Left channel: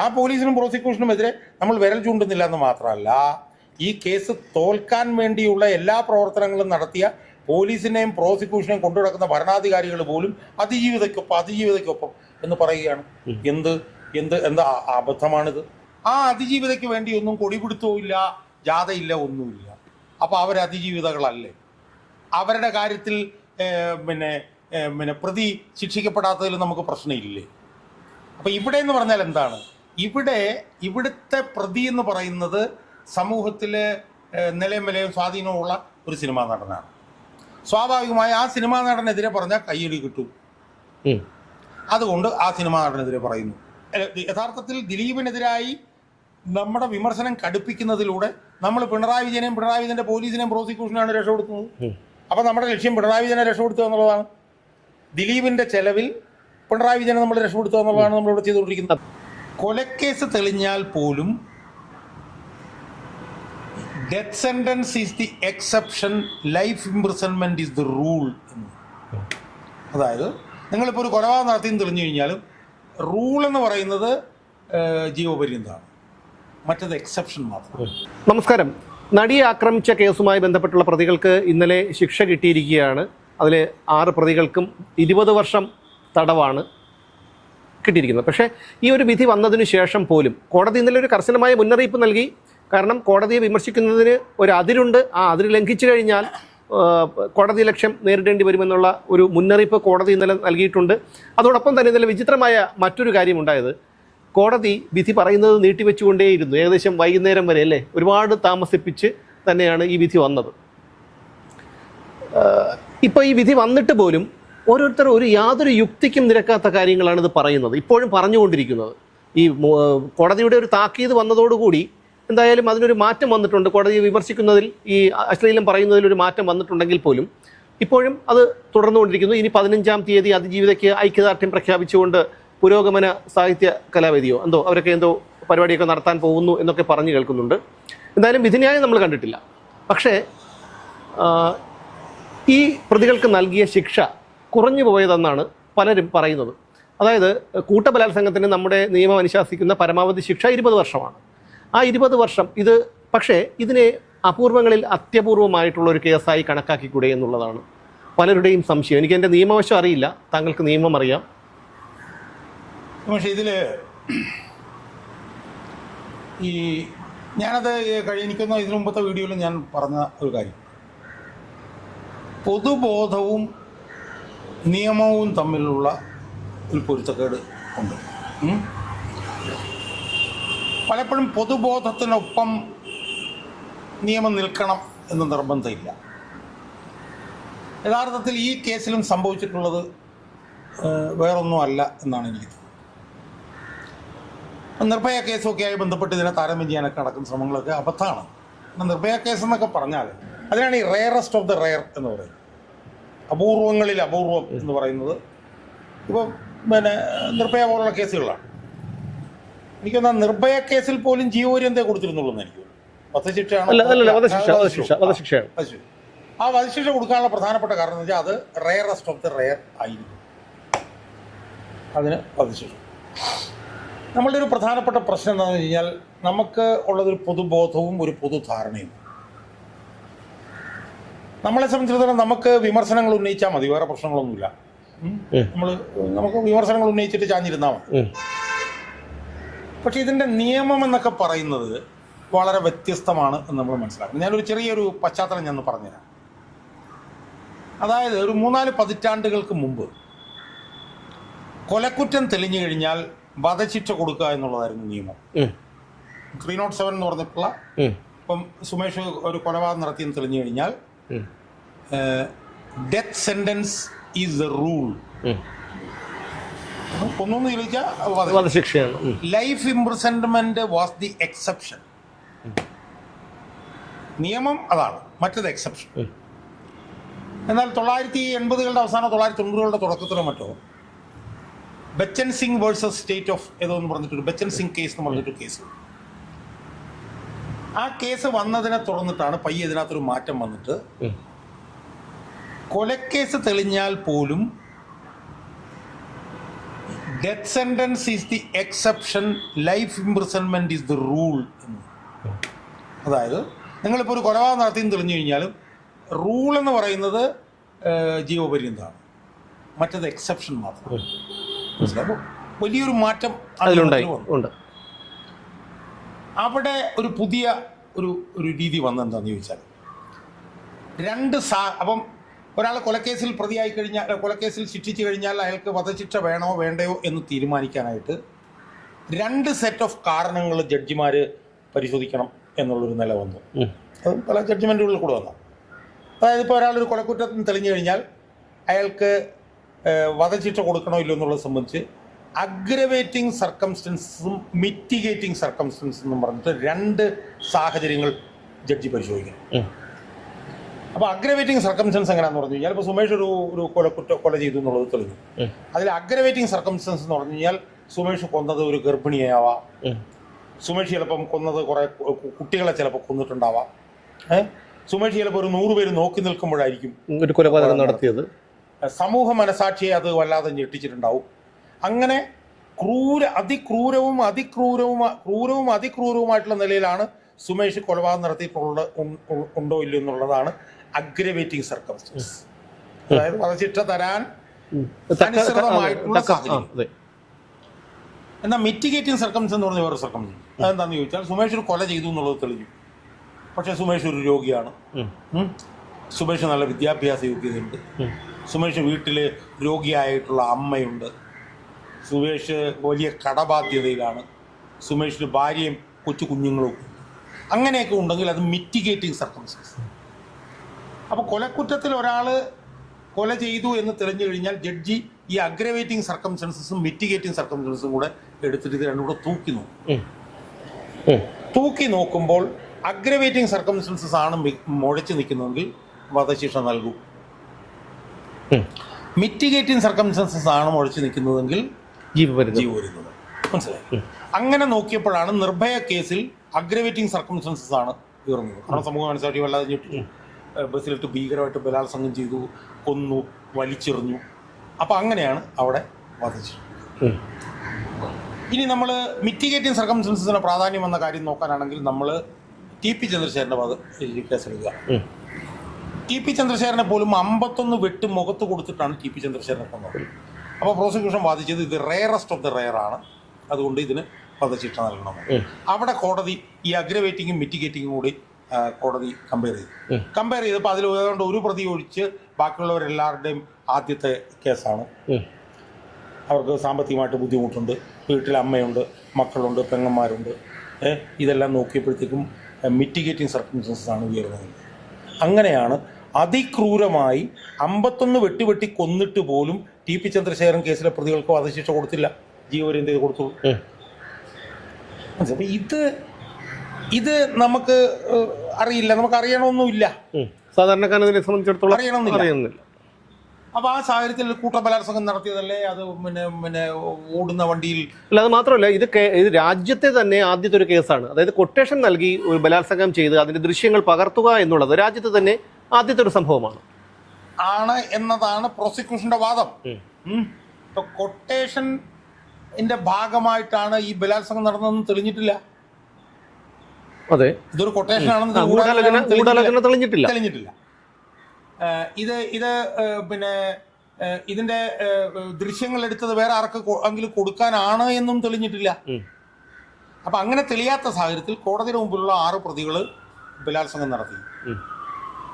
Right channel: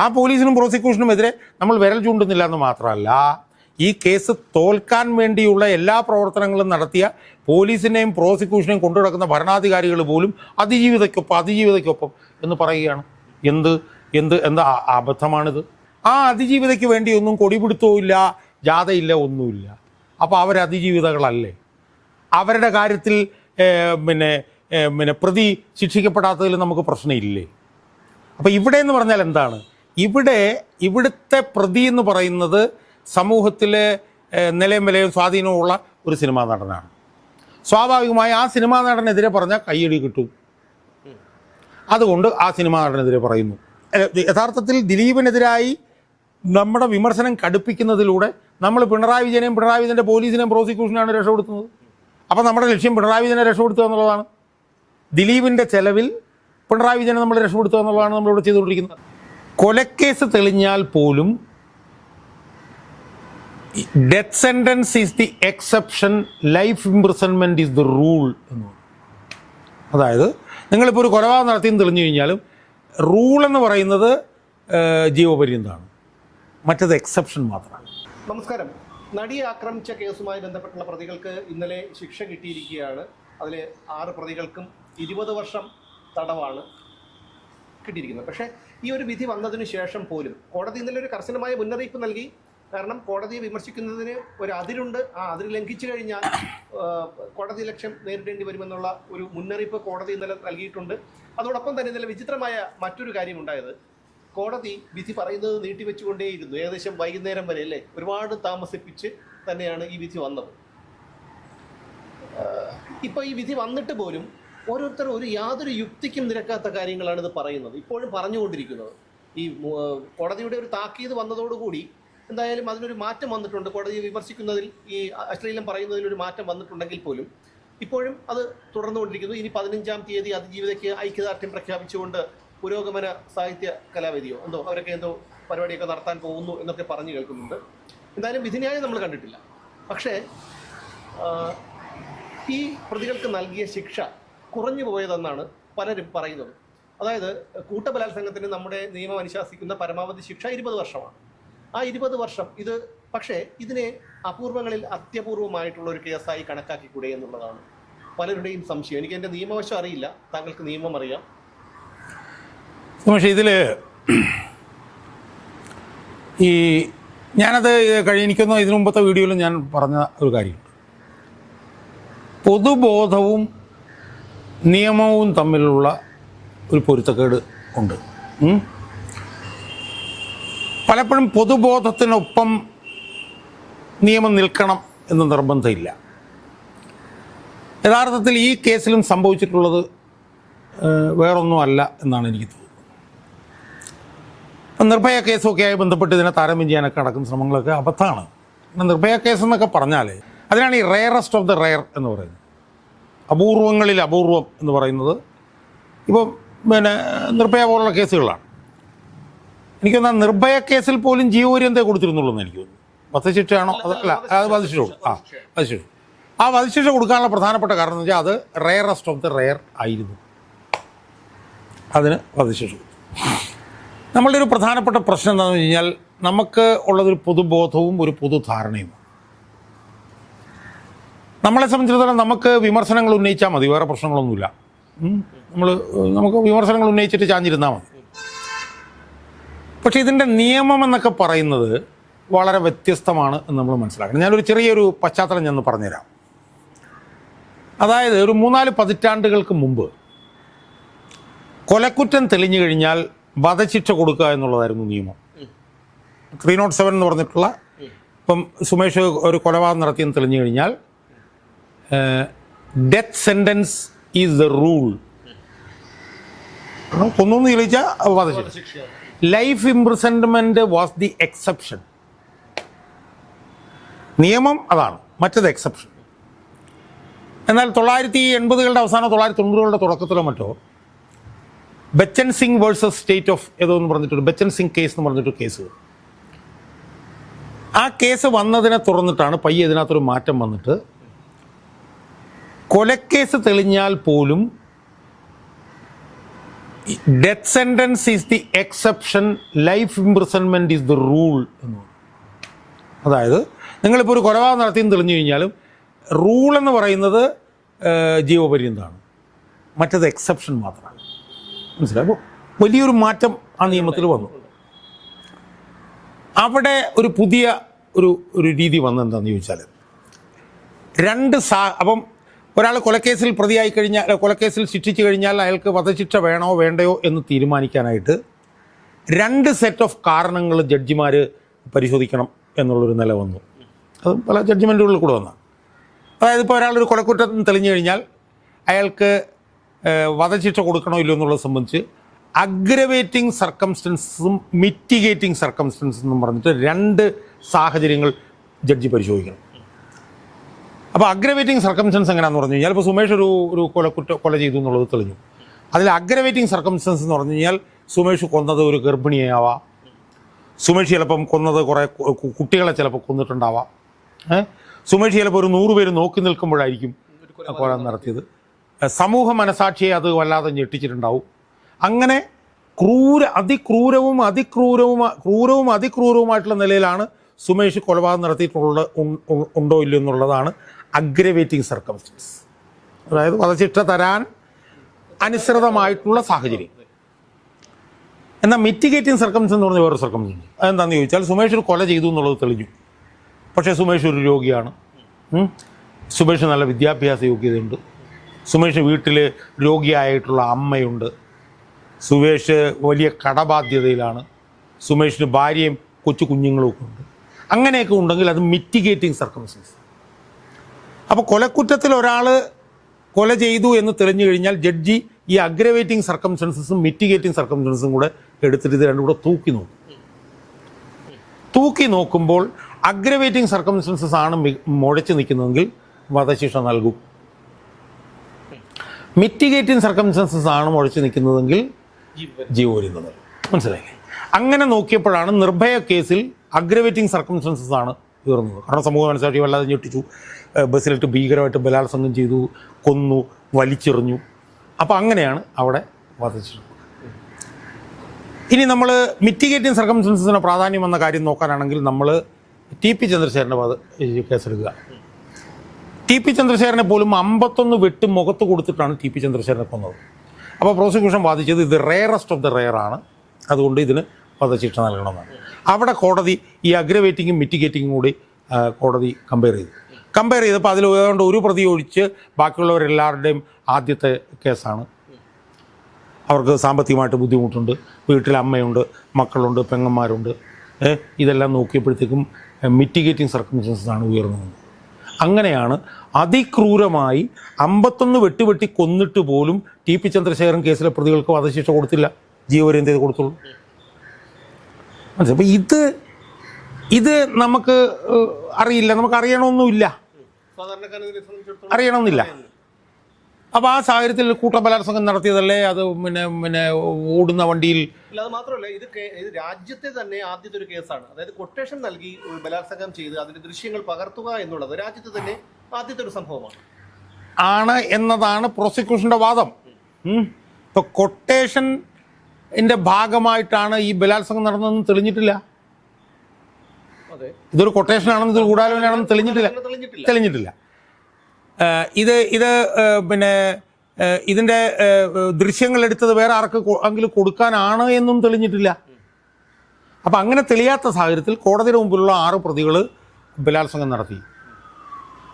ആ പോലീസിനും പ്രോസിക്യൂഷനും എതിരെ നമ്മൾ വിരൽ ചൂണ്ടുന്നില്ല എന്ന് മാത്രമല്ല, ഈ കേസ് തോൽക്കാൻ വേണ്ടിയുള്ള എല്ലാ പ്രവർത്തനങ്ങളും നടത്തിയ പോലീസിനെയും പ്രോസിക്യൂഷനെയും കൊണ്ടു നടക്കുന്ന ഭരണാധികാരികൾ പോലും അതിജീവിതയ്ക്കൊപ്പം എന്ന് പറയുകയാണ്. എന്താ അബദ്ധമാണിത്? ആ അതിജീവിതയ്ക്ക് വേണ്ടി ഒന്നും കൊടിപിടുത്തവും ഇല്ല, ജാഥയില്ല, ഒന്നുമില്ല. അപ്പോൾ അവർ അതിജീവിതകളല്ലേ? അവരുടെ കാര്യത്തിൽ പ്രതി ശിക്ഷിക്കപ്പെടാത്തതിൽ നമുക്ക് പ്രശ്നമില്ലേ? അപ്പോൾ ഇവിടെ എന്ന് പറഞ്ഞാൽ എന്താണ്? ഇവിടുത്തെ പ്രതി എന്ന് പറയുന്നത് സമൂഹത്തിലെ നിലയും വിലയും സ്വാധീനമുള്ള ഒരു സിനിമാ നടനാണ്. സ്വാഭാവികമായി ആ സിനിമാ നടനെതിരെ പറഞ്ഞാൽ കയ്യടി കിട്ടും. അതുകൊണ്ട് ആ സിനിമാ നടനെതിരെ പറയുന്നു. യഥാർത്ഥത്തിൽ ദിലീപിനെതിരായി നമ്മുടെ വിമർശനം കടുപ്പിക്കുന്നതിലൂടെ നമ്മൾ പിണറായി വിജയൻ്റെ പോലീസിനെയും പ്രോസിക്യൂഷനാണ് രക്ഷപ്പെടുത്തുന്നത്. അപ്പം നമ്മുടെ ലക്ഷ്യം പിണറായി വിജയനെ രക്ഷപ്പെടുത്തുക എന്നുള്ളതാണ്. ദിലീപിൻ്റെ ചെലവിൽ പിണറായി വിജയനെ നമ്മൾ രക്ഷപ്പെടുത്തുക എന്നുള്ളതാണ് നമ്മളിവിടെ ചെയ്തുകൊണ്ടിരിക്കുന്നത്. കൊലക്കേസ് തെളിഞ്ഞാൽ പോലും death sentence is the exception, life imprisonment is the rule എന്ന്. അതായത് നിങ്ങളിപ്പോൾ ഒരു കൊലപാതകം നടത്തിയെന്ന് തെളിഞ്ഞു കഴിഞ്ഞാലും റൂൾ എന്ന് പറയുന്നത് ജീവപര്യന്തമാണ്, മറ്റത് എക്സെപ്ഷൻ മാത്രമാണ്. നമസ്കാരം. നടിയെ ആക്രമിച്ച കേസുമായി ബന്ധപ്പെട്ടുള്ള പ്രതികൾക്ക് ഇന്നലെ ശിക്ഷ കിട്ടിയിരിക്കുകയാണ്. അതിൽ 6 പ്രതികൾക്കും 20 വർഷം തടവാണ് കിട്ടിയിരിക്കുന്നത്. പക്ഷേ ഈ ഒരു വിധി വന്നതിന് ശേഷം പോലും കോടതി ഇന്നലെ ഒരു കർശനമായ മുന്നറിയിപ്പ് നൽകി. കാരണം കോടതിയെ വിമർശിക്കുന്നതിന് ഒരു അതിരുണ്ട്. ആ അതിര് ലംഘിച്ചു കഴിഞ്ഞാൽ കോടതി ലക്ഷ്യം നേരിടേണ്ടി വരുമെന്നുള്ള ഒരു മുന്നറിയിപ്പ് കോടതി ഇന്നലെ നൽകിയിട്ടുണ്ട്. അതോടൊപ്പം തന്നെ ഇന്നലെ വിചിത്രമായ മറ്റൊരു കാര്യമുണ്ടായത്, കോടതി വിധി പറയുന്നത് നീട്ടിവെച്ചുകൊണ്ടേയിരുന്നു. ഏകദേശം വൈകുന്നേരം വരെ അല്ലേ, ഒരുപാട് താമസിപ്പിച്ച് തന്നെയാണ് ഈ വിധി വന്നത്. ഇപ്പോൾ ഈ വിധി വന്നിട്ട് പോലും ഓരോരുത്തർ യാതൊരു യുക്തിക്കും നിരക്കാത്ത കാര്യങ്ങളാണ് ഇത് പറയുന്നത്, ഇപ്പോഴും പറഞ്ഞുകൊണ്ടിരിക്കുന്നത്. ഈ കോടതിയുടെ ഒരു താക്കീത് വന്നതോടുകൂടി എന്തായാലും അതിനൊരു മാറ്റം വന്നിട്ടുണ്ട്. കോടതിയെ വിമർശിക്കുന്നതിൽ, ഈ അശ്ലീലം പറയുന്നതിൽ ഒരു മാറ്റം വന്നിട്ടുണ്ടെങ്കിൽ പോലും ഇപ്പോഴും അത് തുടർന്നുകൊണ്ടിരിക്കുന്നു. ഇനി 15-ാം തീയതി അതിജീവിതയ്ക്ക് ഐക്യദാർഢ്യം പ്രഖ്യാപിച്ചുകൊണ്ട് പുരോഗമന സാഹിത്യ കലാവേദിയോ അവരൊക്കെ പരിപാടിയൊക്കെ നടത്താൻ പോകുന്നു എന്നൊക്കെ പറഞ്ഞു കേൾക്കുന്നുണ്ട്. എന്തായാലും വിധിന്യായം നമ്മൾ കണ്ടിട്ടില്ല. പക്ഷേ ഈ പ്രതികൾക്ക് നൽകിയ ശിക്ഷ കുറഞ്ഞു പോയതെന്നാണ് പലരും പറയുന്നത്. അതായത് കൂട്ടബലാത്സംഗത്തിന് നമ്മുടെ നിയമം അനുശാസിക്കുന്ന പരമാവധി ശിക്ഷ 20 വർഷമാണ്. ആ 20 വർഷം പക്ഷേ ഇതിനെ അപൂർവങ്ങളിൽ അത്യപൂർവമായിട്ടുള്ള ഒരു കേസായി കണക്കാക്കിക്കൂടെ എന്നുള്ളതാണ് പലരുടെയും സംശയം. എനിക്ക് എൻ്റെ നിയമവശം അറിയില്ല, താങ്കൾക്ക് നിയമം അറിയാം. പക്ഷേ ഇതിൽ ഞാനത് എനിക്കൊന്നും ഇതിനു മുമ്പത്തെ വീഡിയോയിൽ ഞാൻ പറഞ്ഞ ഒരു കാര്യം, പൊതുബോധവും നിയമവും തമ്മിലുള്ള ഒരു പൊരുത്തക്കേട് ഉണ്ട്. പലപ്പോഴും പൊതുബോധത്തിനൊപ്പം നിയമം നിൽക്കണം എന്ന് നിർബന്ധമില്ല. യഥാർത്ഥത്തിൽ ഈ കേസിലും സംഭവിച്ചിട്ടുള്ളത് വേറൊന്നും അല്ല എന്നാണ് എനിക്ക് തോന്നുന്നത്. ഇപ്പം നിർഭയ കേസൊക്കെയായി ബന്ധപ്പെട്ട് ഇതിനെ താരതമ്യം ചെയ്യാനൊക്കെ നടക്കുന്ന ശ്രമങ്ങളൊക്കെ അബദ്ധമാണ്. നിർഭയ കേസ് എന്നൊക്കെ പറഞ്ഞാൽ അതിനാണ് ഈ റെയറസ്റ്റ് ഓഫ് ദ റെയർ എന്ന് പറയുന്നത്, അപൂർവങ്ങളിൽ അപൂർവം എന്ന് പറയുന്നത്. ഇപ്പം നിർഭയ പോലുള്ള കേസുകളാണ്. എനിക്ക് തോന്നുന്നത് നിർഭയ കേസിൽ പോലും ജീവപര്യന്തം കൊടുത്തിരുന്നുള്ളൂ എന്ന് എനിക്ക് തോന്നുന്നു. വധശിക്ഷയാണോ? വധശിക്ഷ. ആ വധശിക്ഷ കൊടുക്കാനുള്ള പ്രധാനപ്പെട്ട കാരണം എന്ന് വെച്ചാൽ അത് റെയറസ്റ്റ് ഓഫ് ദ റെയർ ആയിരുന്നു, അതിന് വധശിക്ഷ. നമ്മളുടെ ഒരു പ്രധാനപ്പെട്ട പ്രശ്നം എന്താണെന്ന് വെച്ച് കഴിഞ്ഞാൽ നമുക്ക് ഉള്ളതൊരു പൊതുബോധവും ഒരു പൊതുധാരണയും. നമ്മളെ സംബന്ധിച്ചിടത്തോളം നമുക്ക് വിമർശനങ്ങൾ ഉന്നയിച്ചാൽ മതി, വേറെ പ്രശ്നങ്ങളൊന്നുമില്ല. നമുക്ക് വിമർശനങ്ങൾ ഉന്നയിച്ചിട്ട് ചാഞ്ഞിരുന്നാൽ മതി. പക്ഷേ ഇതിൻ്റെ നിയമം എന്നൊക്കെ പറയുന്നത് വളരെ വ്യത്യസ്തമാണ് എന്ന് നമ്മൾ മനസ്സിലാക്കണം. ഞാനൊരു ചെറിയൊരു പശ്ചാത്തലം ഞാൻ പറഞ്ഞുതരാം. അതായത് ഒരു 3-4 പതിറ്റാണ്ടുകൾക്ക് മുമ്പ് കൊലക്കുറ്റം തെളിഞ്ഞു കഴിഞ്ഞാൽ വധശിക്ഷ കൊടുക്കുക എന്നുള്ളതായിരുന്നു നിയമം. 307 എന്ന് പറഞ്ഞിട്ടുള്ള, ഇപ്പം സുമേഷ് ഒരു കൊലപാതകം നടത്തിയെന്ന് തെളിഞ്ഞു കഴിഞ്ഞാൽ death sentence is the rule. കൊന്നൊന്ന് തെളിയിച്ചാൽ വധശിക്ഷയാണ്. Life imprisonment was the exception. നിയമം അതാണ്, മറ്റത് എക്സെപ്ഷൻ. എന്നാൽ 1980-കളുടെ അവസാനം 1990-കളുടെ തുടക്കത്തിലോ മറ്റോ Bachchan Singh versus state of ഏതോ എന്ന് പറഞ്ഞിട്ടൊരു ബച്ചൻ സിംഗ് കേസ് എന്ന് പറഞ്ഞിട്ടൊരു കേസ്. ആ കേസ് വന്നതിനെ തുറന്നിട്ടാണ് പയ്യെ ഇതിനകത്തൊരു മാറ്റം വന്നിട്ട് കൊലക്കേസ് തെളിഞ്ഞാൽ പോലും death sentence is the exception, life imprisonment is the rule. അതായത് നിങ്ങളിപ്പോൾ ഒരു കൊലപാതകം നടത്തിയെന്ന് തെളിഞ്ഞു കഴിഞ്ഞാലും റൂൾ എന്ന് പറയുന്നത് ജീവപര്യന്തമാണ്, മറ്റത് എക്സെപ്ഷൻ മാത്രം. മനസ്സിലാകുമ്പോൾ വലിയൊരു മാറ്റം അതിൽ വന്നു. അവിടെ ഒരു പുതിയ ഒരു രീതി വന്നെന്താണെന്ന് ചോദിച്ചാൽ അപ്പം ഒരാൾ കൊലക്കേസിൽ പ്രതിയായി കഴിഞ്ഞാൽ, കൊലക്കേസിൽ ശിക്ഷിച്ചു കഴിഞ്ഞാൽ അയാൾക്ക് വധശിക്ഷ വേണോ വേണ്ടയോ എന്ന് തീരുമാനിക്കാനായിട്ട് 2 സെറ്റ് ഓഫ് കാരണങ്ങൾ ജഡ്ജിമാർ പരിശോധിക്കണം എന്നുള്ളൊരു നില വന്നു. അത് പല ജഡ്ജ്മെൻറ്റുകളിൽ കൂടെ വന്നു. അതായത് ഇപ്പോൾ ഒരാളൊരു കൊലക്കുറ്റത്തിന് തെളിഞ്ഞു കഴിഞ്ഞാൽ അയാൾക്ക് വധശിക്ഷ കൊടുക്കണോ ഇല്ലയോ എന്നുള്ളത് സംബന്ധിച്ച് അഗ്രവേറ്റിംഗ് സർക്കംസ്റ്റൻസും മിറ്റിഗേറ്റിംഗ് സർക്കംസ്റ്റൻസും എന്നും പറഞ്ഞിട്ട് 2 സാഹചര്യങ്ങൾ ജഡ്ജി പരിശോധിക്കണം. അപ്പോൾ അഗ്രവേറ്റിംഗ് സർക്കംസ്റ്റൻസ് എങ്ങനെയാണെന്ന് പറഞ്ഞു കഴിഞ്ഞാൽ, ഇപ്പോൾ സുമേഷ് ഒരു കൊല ചെയ്തു എന്നുള്ളത് തെളിഞ്ഞു. അതിൽ അഗ്രവേറ്റിംഗ് സർക്കംസ്റ്റൻസ് എന്ന് പറഞ്ഞു കഴിഞ്ഞാൽ സുമേഷ് കൊന്നത് ഒരു ഗർഭിണിയാവാം, സുമേഷ് ചിലപ്പം കൊന്നത് കുറേ കുട്ടികളെ ചിലപ്പോൾ കൊന്നിട്ടുണ്ടാവാം, സുമേഷ് ചിലപ്പോൾ ഒരു 100 പേര് നോക്കി നിൽക്കുമ്പോഴായിരിക്കും ഒരു കൊലപാതകം നടത്തിയത്. സമൂഹ മനസാക്ഷിയെ അത് വല്ലാതെ ഞെട്ടിച്ചിട്ടുണ്ടാവും. അങ്ങനെ അതിക്രൂരവുമായിട്ടുള്ള നിലയിലാണ് സുമേഷ് കൊലപാതകം ഉണ്ടോ ഇല്ലയോ എന്നുള്ളതാണ് അഗ്രവേറ്റിംഗ് സർക്കംസ്റ്റൻസ്. അതായത് വധശിക്ഷ തരാൻ അനുസൃതമായിട്ടുള്ള സാഹചര്യം. എന്നാൽ മിറ്റിഗേറ്റിംഗ് സർക്കംസ്റ്റൻസ് എന്ന് പറഞ്ഞ വേറൊരു സർക്കംസ്റ്റൻസ്. അതെന്താണെന്ന് ചോദിച്ചാൽ സുമേഷ് ഒരു കൊല ചെയ്തു എന്നുള്ളത് തെളിഞ്ഞു, പക്ഷേ സുമേഷ് ഒരു രോഗിയാണ്, സുമേഷ് നല്ല വിദ്യാഭ്യാസ യോഗ്യതയുണ്ട്, സുമേഷ് വീട്ടിൽ രോഗിയായിട്ടുള്ള അമ്മയുണ്ട്, സുമേഷ് വലിയ കടബാധ്യതയിലാണ്, സുമേഷിന് ഭാര്യയും കൊച്ചു കുഞ്ഞുങ്ങളും ഒക്കെ ഉണ്ട്. അങ്ങനെയൊക്കെ ഉണ്ടെങ്കിൽ അത് മിറ്റിഗേറ്റിംഗ് സർക്കംസ്റ്റൻസ്. അപ്പോൾ കൊലക്കുറ്റത്തിൽ ഒരാൾ കൊല ചെയ്തു എന്ന് തെളിഞ്ഞു കഴിഞ്ഞാൽ ജഡ്ജി ഈ അഗ്രവേറ്റിംഗ് സർക്കംസ്റ്റൻസസും മിറ്റിഗേറ്റിംഗ് സർക്കംസ്റ്റൻസും കൂടെ എടുത്തിട്ട് ഇത് രണ്ടും കൂടെ തൂക്കി നോക്കുമ്പോൾ അഗ്രവേറ്റിംഗ് സർക്കംസ്റ്റൻസസ് ആണ് മുഴച്ചു നിൽക്കുന്നതെങ്കിൽ വധശിക്ഷ നൽകും. മിറ്റിഗേറ്റിംഗ് സർക്കംസ്റ്റൻസസ് ആണ് മുഴച്ചു നിൽക്കുന്നതെങ്കിൽ ജീവപര്യന്തം. മനസ്സിലായി? അങ്ങനെ നോക്കിയപ്പോഴാണ് നിർഭയ കേസിൽ അഗ്രവേറ്റിംഗ് സർക്കംസ്റ്റൻസസ് ആണ് ഉയർന്നത്. കാരണം സമൂഹ മനസാക്ഷി വല്ലാതെ ഞെട്ടിച്ചു, ബസ്സിലിട്ട് ഭീകരമായിട്ട് ബലാത്സംഗം ചെയ്തു, കൊന്നു, വലിച്ചെറിഞ്ഞു. അപ്പോൾ അങ്ങനെയാണ് അവിടെ വധിച്ചത്. ഇനി നമ്മൾ മിറ്റിഗേറ്റിംഗ് സർക്കംസ്റ്റൻസസിന് പ്രാധാന്യം എന്ന കാര്യം നോക്കാനാണെങ്കിൽ നമ്മൾ ടി.പി. ചന്ദ്രശേഖരൻ്റെ കേസെടുക്കുക. ടി.പി. ചന്ദ്രശേഖരനെ പോലും 51 വെട്ട് മുഖത്ത് കൊടുത്തിട്ടാണ് ടി.പി. ചന്ദ്രശേഖരനെ കൊന്നത്. അപ്പോൾ പ്രോസിക്യൂഷൻ വാദിച്ചത് ഇത് റെയറസ്റ്റ് ഓഫ് ദ റെയർ ആണ്, അതുകൊണ്ട് ഇതിന് വധശിക്ഷ നൽകണമെന്നാണ്. അവിടെ കോടതി ഈ അഗ്രവേറ്റിങ്ങും മിറ്റിഗേറ്റിങ്ങും കൂടി കോടതി കമ്പയർ ചെയ്തപ്പോൾ അതിൽ ഏതാണ്ട് ഒരു പ്രതി ഒഴിച്ച് ബാക്കിയുള്ളവരെല്ലാവരുടെയും ആദ്യത്തെ കേസാണ്. അവർക്ക് സാമ്പത്തികമായിട്ട് ബുദ്ധിമുട്ടുണ്ട്, വീട്ടിൽ അമ്മയുണ്ട്, മക്കളുണ്ട്, പെങ്ങന്മാരുണ്ട്. ഇതെല്ലാം നോക്കിയപ്പോഴത്തേക്കും മിറ്റിഗേറ്റിംഗ് സർക്കംസ്റ്റൻസസ് ആണ് ഉയർന്നത്. അങ്ങനെയാണ് അതിക്രൂരമായി 51 വെട്ടി കൊന്നിട്ട് പോലും ടി.പി. ചന്ദ്രശേഖരൻ കേസിലെ പ്രതികൾക്ക് വധശിക്ഷ കൊടുത്തില്ല, ജീവപര്യന്തം കൊടുത്തുള്ളൂ. അപ്പോൾ ഇത് നമുക്ക് അറിയില്ല, നമുക്ക് അറിയണമെന്നില്ല, സാധാരണക്കാരനെ സംബന്ധിച്ചിടത്തോളം അറിയണമെന്നില്ല. അപ്പോൾ ആ സാഹചര്യത്തിൽ കൂട്ടബലാത്സംഗം നടത്തിയതല്ലേ അത് പിന്നെ ഓടുന്ന വണ്ടിയിൽ. അല്ല, അത് മാത്രമല്ല, ഇത് രാജ്യത്തെ തന്നെ ആദ്യത്തെ ഒരു കേസാണ്. അതായത് കൊട്ടേഷൻ നൽകി ഒരു ബലാത്സംഗം ചെയ്ത് അതിന്റെ ദൃശ്യങ്ങൾ പകർത്തുക എന്നുള്ളത് രാജ്യത്തെ തന്നെ ആദ്യത്തെ ഒരു സംഭവമാണ് എന്നതാണ് പ്രോസിക്യൂഷന്റെ വാദം. ഇപ്പൊ കൊട്ടേഷന്റെ ഭാഗമായിട്ടാണ് ഈ ബലാത്സംഗം നടന്നതെന്ന് തെളിഞ്ഞിട്ടില്ല. അതെ, ഇതൊരു കൊട്ടേഷൻ ആണെന്ന് തെളിഞ്ഞിട്ടില്ല. ഇത് പിന്നെ ഇതിന്റെ ദൃശ്യങ്ങൾ എടുത്തത് വേറെ ആർക്കെങ്കിലും കൊടുക്കാനാണ് എന്നും തെളിഞ്ഞിട്ടില്ല. അപ്പൊ അങ്ങനെ തെളിയാത്ത സാഹചര്യത്തിൽ കോടതിയുടെ മുമ്പിലുള്ള 6 പ്രതികൾ ബലാത്സംഗം നടത്തി.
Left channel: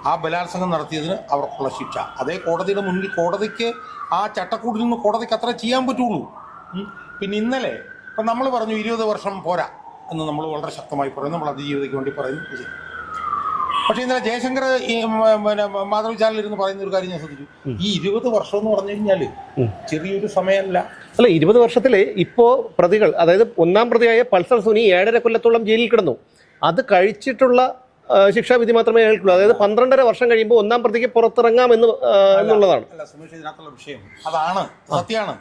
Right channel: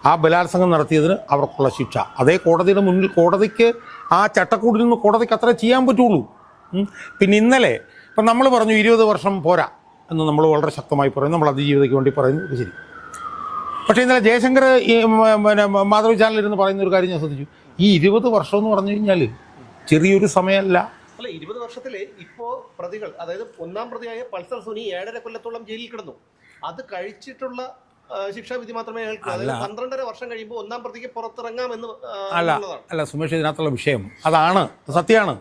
ആ ബലാത്സംഗം നടത്തിയതിന് അവർക്കുള്ള ശിക്ഷ അതേ കോടതിയുടെ മുന്നിൽ, കോടതിക്ക് ആ ചട്ടക്കൂടിൽ നിന്ന് കോടതിക്ക് അത്ര ചെയ്യാൻ പറ്റുള്ളൂ. പിന്നെ ഇന്നലെ ഇപ്പം നമ്മൾ പറഞ്ഞു 20 വർഷം പോരാ എന്ന് നമ്മൾ വളരെ ശക്തമായി പറയുന്നു, നമ്മൾ അതിജീവിതയ്ക്ക് വേണ്ടി പറയുന്നു, ശരി. പക്ഷേ ഇന്നലെ ജയശങ്കർ പിന്നെ മാധവി ചാനലിരുന്ന് പറയുന്ന ഒരു കാര്യം ഞാൻ ശ്രദ്ധിച്ചു. ഈ 20 വർഷം എന്ന് പറഞ്ഞു കഴിഞ്ഞാൽ ചെറിയൊരു സമയമല്ല. അല്ല, 20 വർഷത്തിലെ ഇപ്പോൾ പ്രതികൾ, അതായത് 1-ാം പ്രതിയായ പൾസർ സുനി 7.5 കൊല്ലത്തോളം ജയിലിൽ കിടന്നു. അത് കഴിച്ചിട്ടുള്ള ശിക്ഷാവിധി മാത്രമേ അയാൾക്കുള്ളൂ. അതായത് 12.5 വർഷം കഴിയുമ്പോൾ 1-ാം പ്രതിക്ക് പുറത്തിറങ്ങാം എന്നുള്ളതാണ്. അല്ല സുമേഷ്, ഇതിനകത്തുള്ള വിഷയം അതാണ്, സത്യമാണ്.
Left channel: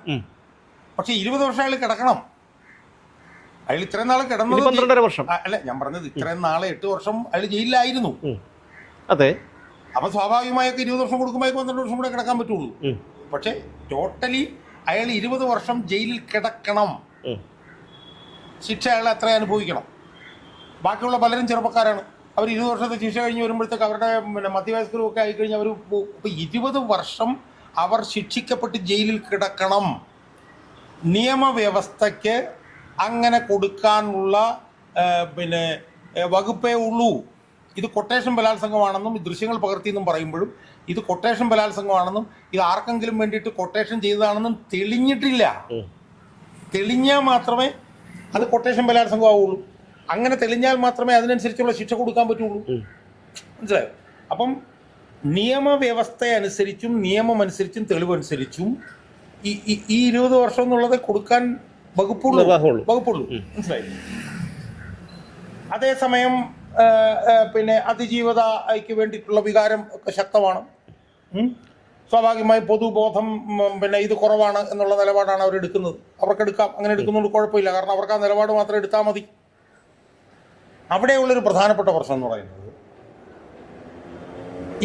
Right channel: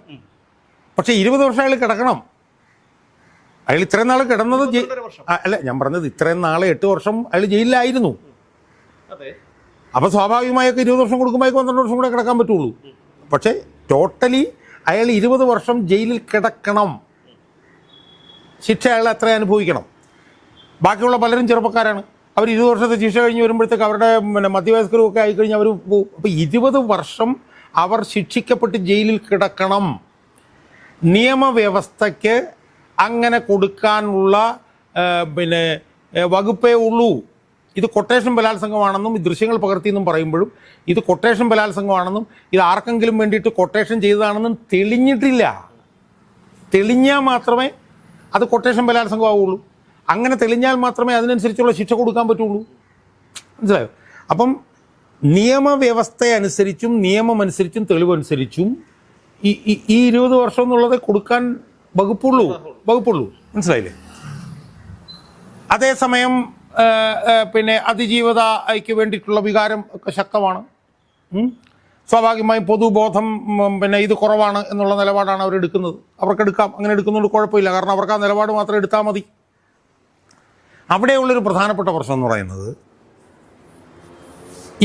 പക്ഷെ 20 വർഷം അയാൾ കിടക്കണം. അയാൾ ഇത്രയും നാൾ കിടന്നത് 12.5 വർഷം അല്ല, ഞാൻ പറഞ്ഞത് ഇത്രയും നാളെ 8 വർഷം അയാൾ ജയിലിലായിരുന്നു. അതെ, അപ്പൊ സ്വാഭാവികമായൊക്കെ 20 വർഷം കൊടുക്കുമ്പോൾ 12 വർഷം കൂടെ കിടക്കാൻ പറ്റുള്ളൂ. പക്ഷെ ടോട്ടലി അയാൾ 20 വർഷം ജയിലിൽ കിടക്കണം. ശിക്ഷ അയാൾ എത്ര അനുഭവിക്കണം? ബാക്കിയുള്ള പലരും ചെറുപ്പക്കാരാണ്. അവർ 20 വർഷത്തെ ശിക്ഷ കഴിഞ്ഞ് വരുമ്പോഴത്തേക്ക് അവരുടെ മധ്യവയസ്കരും ഒക്കെ ആയിക്കഴിഞ്ഞ് അവർ പോകും. അപ്പോൾ 20 വർഷം അവർ ശിക്ഷിക്കപ്പെട്ട് ജയിലിൽ കിടക്കണം. നിയമവ്യവസ്ഥയ്ക്ക് അങ്ങനെ കൊടുക്കാനുള്ള വകുപ്പേ ഉള്ളൂ. ഇത് കൊട്ടേഷൻ ബലാത്സംഗമാണെന്നും ഈ ദൃശ്യങ്ങൾ പകർത്തിയെന്നും പറയുമ്പോഴും ഇത് കൊട്ടേഷൻ ബലാത്സംഗമാണെന്നും ഇത് ആർക്കെങ്കിലും വേണ്ടിയിട്ട് കൊട്ടേഷൻ ചെയ്തതാണെന്നും തെളിഞ്ഞിട്ടില്ല. തെളിഞ്ഞാൽ മാത്രമേ അത് കൊട്ടേഷൻ ബലാത്സംഗം ആവുള്ളൂ. അങ്ങനെ തെളിഞ്ഞാൽ മാത്രമേ അതിനനുസരിച്ചുള്ള ശിക്ഷ കൊടുക്കാൻ പറ്റുള്ളൂ. മനസ്സിലായോ? അപ്പം നിയമവ്യവസ്ഥ അനുസരിച്ചും നിയമമനുസരിച്ചും തെളിവനുസരിച്ചും ഈ 20 വർഷം എന്നുള്ളത് കൊടുക്കാൻ വകുപ്പുള്ളൂ. മനസ്സിലായില്ലേ? അതേസമയം അതിജീവതയ്ക്ക് വേണ്ടിയിട്ടുള്ള വികാരം ഒക്കെ ശക്തമാണ്. സ്വാഭാവികമായും പൊതുബോധം ഇത് കുറവാണ് എന്നുള്ള നിലപാടാണ് അവരെടുക്കുന്നത്. അവർക്കെടുക്കാം, അങ്ങനെ എടുക്കുന്നതുകൊണ്ട് കുഴപ്പമില്ല. കാരണം അവർക്ക് ആ നിലപാട് മാത്രം എടുത്താൽ മതി. അവിടെയുള്ളൊരു പ്രധാനപ്പെട്ട പ്രശ്നം എന്ന് പറയുന്നത്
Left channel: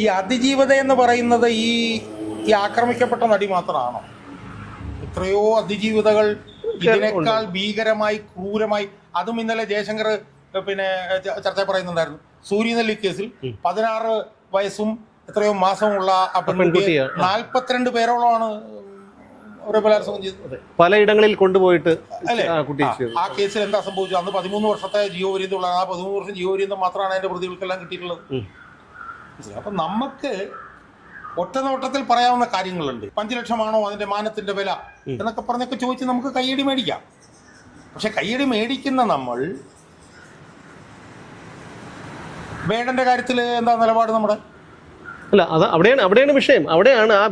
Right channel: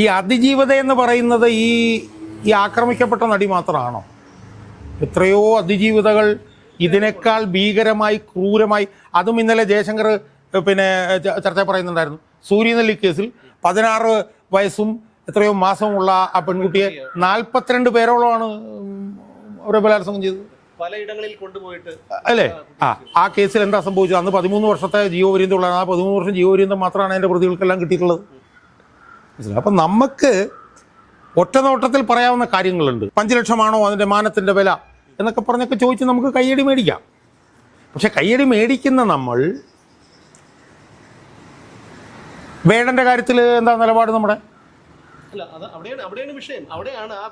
ഈ അതിജീവത എന്ന് പറയുന്നത് ഈ ആക്രമിക്കപ്പെട്ട നടി മാത്രമാണോ? എത്രയോ അതിജീവിതകൾ ഇതിനേക്കാൾ ഭീകരമായി ക്രൂരമായി, അതും ഇന്നലെ ജയശങ്കർ ചർച്ച പറയുന്നുണ്ടായിരുന്നു. സൂര്യനെല്ലി കേസിൽ 16 വയസ്സും എത്രയോ മാസമുള്ള ആ പെൺകുട്ടിയെ 42 പേരോളമാണ് അവരെ ബലാത്സംഗം ചെയ്തത്. പലയിടങ്ങളിൽ കൊണ്ടുപോയിട്ട് അല്ലേ? ആ കേസിൽ എന്താ സംഭവിച്ചത്? അന്ന് 13 വർഷത്തെ ജീവപര്യന്തം ഉള്ളതാണ്. ആ 13 വർഷം ജീവപര്യന്തം മാത്രമാണ് അതിൻ്റെ പ്രതികൾക്കെല്ലാം കിട്ടിയിട്ടുള്ളത്. അപ്പം നമുക്ക് ഒറ്റ നോട്ടത്തിൽ പറയാവുന്ന കാര്യങ്ങളുണ്ട്. 5 ലക്ഷമാണോ അതിൻ്റെ മാനത്തിൻ്റെ വില എന്നൊക്കെ പറഞ്ഞൊക്കെ ചോദിച്ച് നമുക്ക് കയ്യടി മേടിക്കാം. പക്ഷെ കയ്യടി മേടിക്കുന്ന നമ്മൾ വേടൻ്റെ കാര്യത്തിൽ എന്താ നിലപാട് നമ്മുടെ? അല്ല, അവിടെയാണ് വിഷയം. അവിടെയാണ് ആ